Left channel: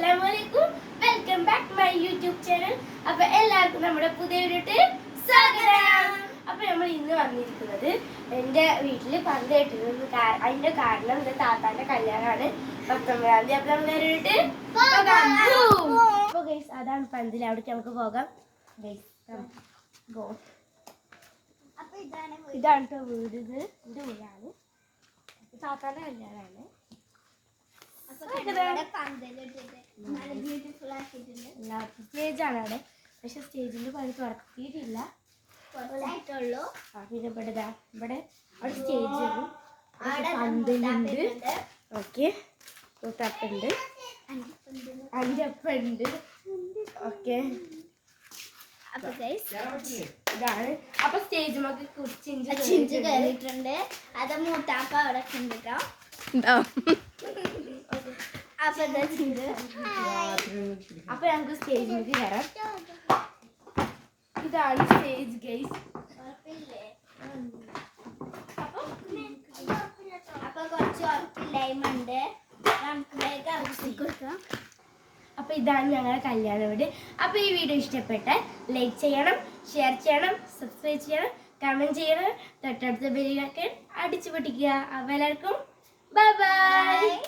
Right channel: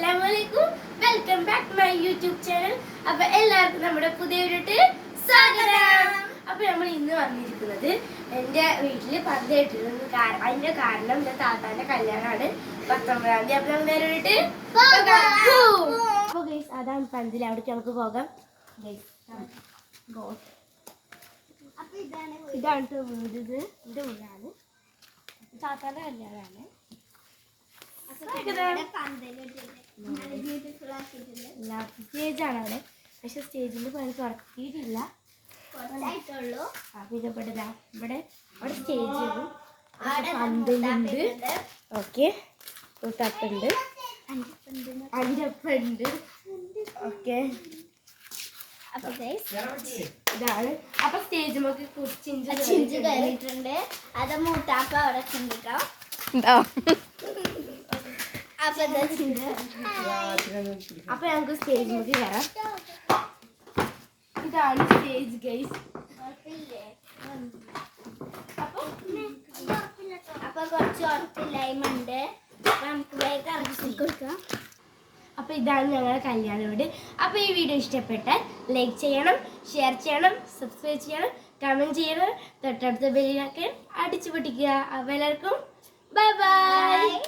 അസ്സലാമലൈക്കും, welcome back to my YouTube channel. അപ്പൊ എല്ലാവർക്കും നമ്മുടെ പുതിയ വീഡിയോട്ട് സ്വാഗതം. അപ്പൊ നമ്മൾ ഇന്ന് വന്നിരിക്കുന്നത് എൻ്റെ വീട്ടിൽ പന്ത് കെട്ടുന്നത്. അതിന്റെ കാരണം എൻ്റെ താത്താന്റെ കല്യാണമാണ് 19-ാം തീയതി. അപ്പൊ നമ്മൾ നേരെ വീട്ട് അപ്പൊ ഗൈസ് അതാണ് പന്തിൽ, അവിടേക്ക് നമുക്ക് പോകാം. ഇതാണ് വീട്, ഇത് എൻ്റെ വീടാണ്, താത്താന്റെ കല്യാണമാണ്. സ്റ്റേജാണ്, പക്ഷെ സ്റ്റേജിന്റെ പണി തുടക്കിയിട്ടില്ല. ഇതപ്പെടാ ഇവിടെ അവിടെ സ്റ്റേജ് പന്തുണ്ട്. ഓക്കെ, തട്ടുണ്ട്, അഞ്ചപ്പുണ്ട്. ഓക്കെ, ഇതാണ്. അപ്പൊ സ്റ്റേജ് നമുക്ക് ചിഞ്ച് കഴിഞ്ഞിട്ടുണ്ട്. അത് മൂട്ടാപ്പ അവിടെ ചിന്തിക്കാം. അപ്പൊ ഞങ്ങൾക്ക് സ്റ്റേജ് നോക്കി കയറാം. ഇതാണ് സ്റ്റേജ് ഗൈസ്. അപ്പൊ കുറച്ച് ഉറപ്പില്ലായ്മയുണ്ട്, അപ്പൊ ഇതാണ് ഞങ്ങളുടെ കല്യാണ വീട്. അപ്പൊ ഈ വീഡിയോ ഇഷ്ടപ്പെട്ടാൽ ലൈക്ക് ചെയ്യണം, ഷെയർ ചെയ്യണം, സബ്സ്ക്രൈബ് ചെയ്യണം, കമന്റ് ചെയ്യണം, തൊട്ടടുത്ത ബെല്ലൈക്കൺ അടിച്ചു പൊട്ടിക്കുക. അപ്പൊ എല്ലാവർക്കും ബൈ ബൈ.